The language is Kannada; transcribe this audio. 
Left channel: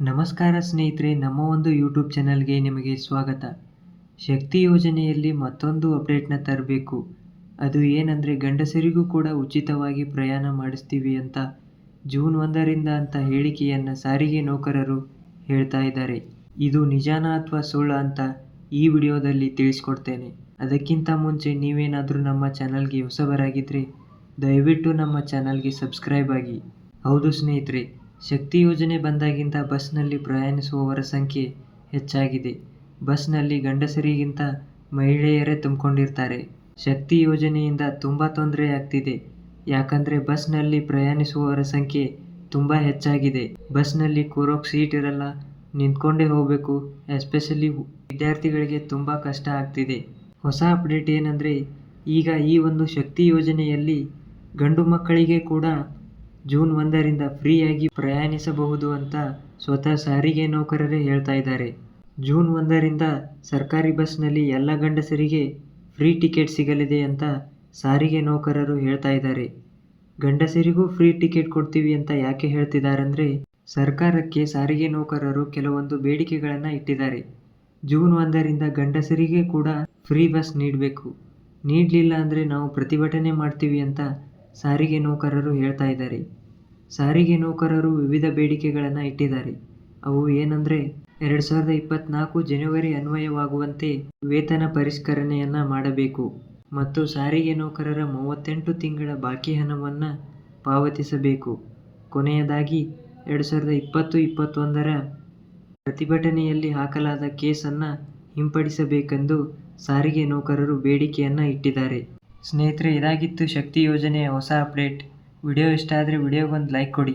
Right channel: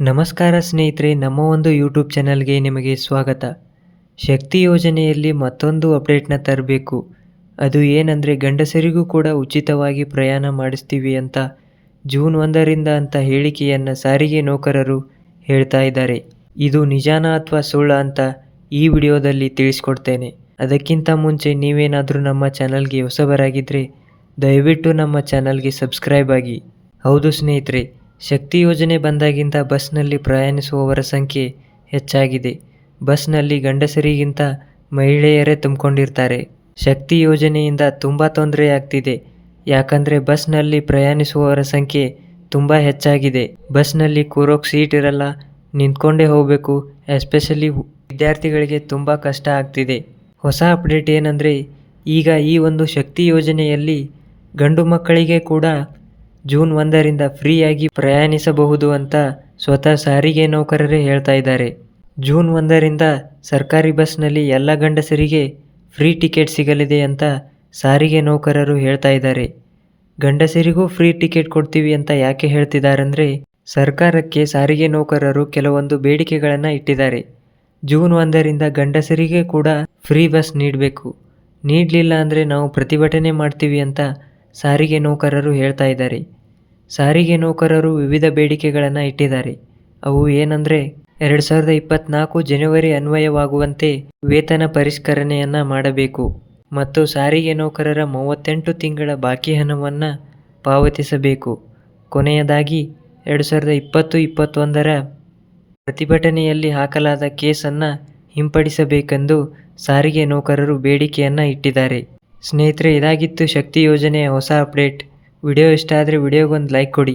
ನಮಸ್ಕಾರ ಸ್ನೇಹಿತರೆ, ನಮ್ಮ ಒಂದು ಯೂಟ್ಯೂಬ್ ಚಾನಲ್ಗೆ ನಿಮಗೆ ಸ್ವಾಗತ. ಶಕ್ತಿ ಯೋಜನೆಯಲ್ಲಿ ಮತ್ತೊಂದು ಅಪ್ಡೇಟ್ನ ತರಬೇಕು. ಅದು ಏನಂದರೆ, ಗಂಡಸರಿಗೂ ಕೂಡ ಉಚಿತವಾಗಿ ಪ್ರಯಾಣ ಮಾಡಿಸ್ತೀವಿ ಅಂತ ಜೂನ್ ಒಂದರಿಂದ ಅಂತ ಹೇಳಿಕೆಯನ್ನು ಸಾರಿಗೆ ನೌಕರರು ಹೇಳ್ತಾ ಇದ್ದಾರೆ. ಇದು ನಿಜಾನ ಅಥವಾ ಸುಳ್ಳ ಅಂತ ಈ ವಿಡಿಯೋದಲ್ಲಿ ತಿಳಿಸ್ಕೊಡ್ತೇನೆ. ಅದಕ್ಕಿಂತ ಮುಂಚೆ ನೀವೇನಾದರೂ ನಮ್ಮ ಚಾನಲ್ಗೆ ಹೊಸಬರಾಗಿದ್ದರೆ ದಯವಿಟ್ಟು ನಮ್ಮ ಚಾನಲ್ಗೆ ಸಬ್ಸ್ಕ್ರೈಬ್ ಆಗಿ. ಹೌದು ಸ್ನೇಹಿತರೆ ಶಕ್ತಿ ಯೋಜನೆ ಬಂದಾಗಿಂದ ಬಸ್ನಲ್ಲಿ ಪ್ರಯಾಣಿಸುವವರ ಸಂಖ್ಯೆ ಹೆಚ್ಚಾಗಿದೆ. ಬಸ್ನಲ್ಲಿ ಗಂಡಸರಿಗಿಂತ ಮಹಿಳೆಯರೇ ತುಂಬಿಕೊಂಡಿರ್ತಾರೆ. ಶಕ್ತಿ ಯೋಜನೆಯಿಂದ ತುಂಬ ತೊಂದರೆ ಆಗ್ತಿದೆ. ಯಾಕಂದರೆ ಬಸ್ನಲ್ಲಿ ಪ್ರಯಾಣಿಸುವವರ ಸಂಖ್ಯೆ ತುಂಬ ಹೆಚ್ಚಾಗಿದೆ. ಬಸ್ನಲ್ಲಿ ಕೂರೋಕೆ ಸೀಟ್ ಇರಲ್ಲ. ನಿಂತ್ಕೊಂಡೇ ಹೋಗಬೇಕು. ಎಸ್ಪೆಷಲಿ ವಿದ್ಯಾರ್ಥಿಗಳಿಗೆ ತುಂಬ ಕಷ್ಟ ಆಗ್ತಿದೆ. ಹೊಸ ಅಪ್ಡೇಟ್ ಏನಂದರೆ ಈಗ ಈ ಒಂದು ಶಕ್ತಿ ಯೋಜನೆಯಲ್ಲಿ ಗಂಡು ಮಕ್ಕಳಿಗೆ ಕೂಡ ಜೂನ್ ಒಂದರಿಂದ ಫ್ರೀಯಾಗಿ ಪ್ರಯಾಣಿಸಬಹುದು ಅಂತ ಸ್ವತಃ ಸಾರಿಗೆ ನೌಕರರೇ ಹೇಳ್ತಾ ಇದ್ದಾರೆ. ಜೂನ್ ಒಂದರಿಂದ ಸರ್ಕಾರಿ ಬಸ್ನಲ್ಲಿ ಎಲ್ಲ ಗಂಡಸರಿಗೆ ಫ್ರೀ ಟಿಕೆಟ್ ಸಿಗಲಿದೆ ಅಂತ ಸಾರಿಗೆ ನೌಕರರು ಹೇಳ್ತಾ ಇದ್ದಾರೆ. ಗಂಡಸರಿಗೂ ಫ್ರೀ ಟಿಕೆಟ್ ಕೊಡ್ತೀವಿ ಅಂತ ಯಾಕೆ ಹೇಳ್ತಿದ್ದಾರೆಂದರೆ ಸರ್ಕಾರಕ್ಕೆ ಸಾರಿಗೆ ನೌಕರರು ಕೆಲವೊಂದು ಬೇಡಿಕೆಗಳನ್ನು ಇಟ್ಟಿದ್ದಾರೆ. ಜೂನ್ ಒಂದರಿಂದ ಗಂಡಸರಿಗೆ ಕೂಡ ಫ್ರೀ ಬಸ್ ನೀಡಬೇಕು. ನೀಡಲಿಲ್ಲ ಅಂದರೆ ನಾವು ಪ್ರತಿಭಟನೆ ಮಾಡ್ತೀವಿ ಅಂತ ಸಾರಿಗೆ ನೌಕರರು ಹೇಳ್ತಾ ಇದ್ದಾರೆ. ಸಾರಿಗೆ ನೌಕರರು ವಿವಿಧ ಬೇಡಿಕೆಗಳನ್ನು ಇಟ್ಟಿದ್ದಾರೆ. ಅವು ಏನಂದರೆ, ಎರಡು ಸಾವಿರದ ಇಪ್ಪತ್ತ್ನಾಲ್ಕು ಜನವರಿ ಅನ್ವಯವಾಗುವಂತೆ ವೇತನ ಪರಿಷ್ಕರಣೆಯನ್ನು ಮಾಡಬೇಕು ಮತ್ತು ಸಾರಿಗೆ ನೌಕರರ ಮೂವತ್ತೆಂಟು ತಿಂಗಳ ಬಾಕಿ ಹಣವನ್ನು ಪಾವತಿಸಬೇಕು. ಕೊನೆಯದಾಗಿ, ಎರಡು ಸಾವಿರದ ಇಪ್ಪತ್ತು ಇಪ್ಪತ್ತೊಂದರ ಪ್ರತಿಭಟನೆಯಲ್ಲಿ ಹಾಕಲಾದ ಕೇಸನ್ನು ಹಿಂಪಡಿಸಬೇಕೆಂದು ಸಾರಿಗೆ ನೌಕರರು ಬೇಡಿಕೆಯನ್ನು ಇಟ್ಟಿದ್ದಾರೆ. ಸ್ನೇಹಿತರೆ ಇದಾಗಿತ್ತು ಶಕ್ತಿ ಯೋಜನೆಯ ಹೊಸ ಅಪ್ಡೇಟ್. ವಿಡಿಯೋ ಇಷ್ಟ ಆದರೆ ವಿಡಿಯೋಗೊಂದು ಲೈಕ್ ಕೊಡಿ.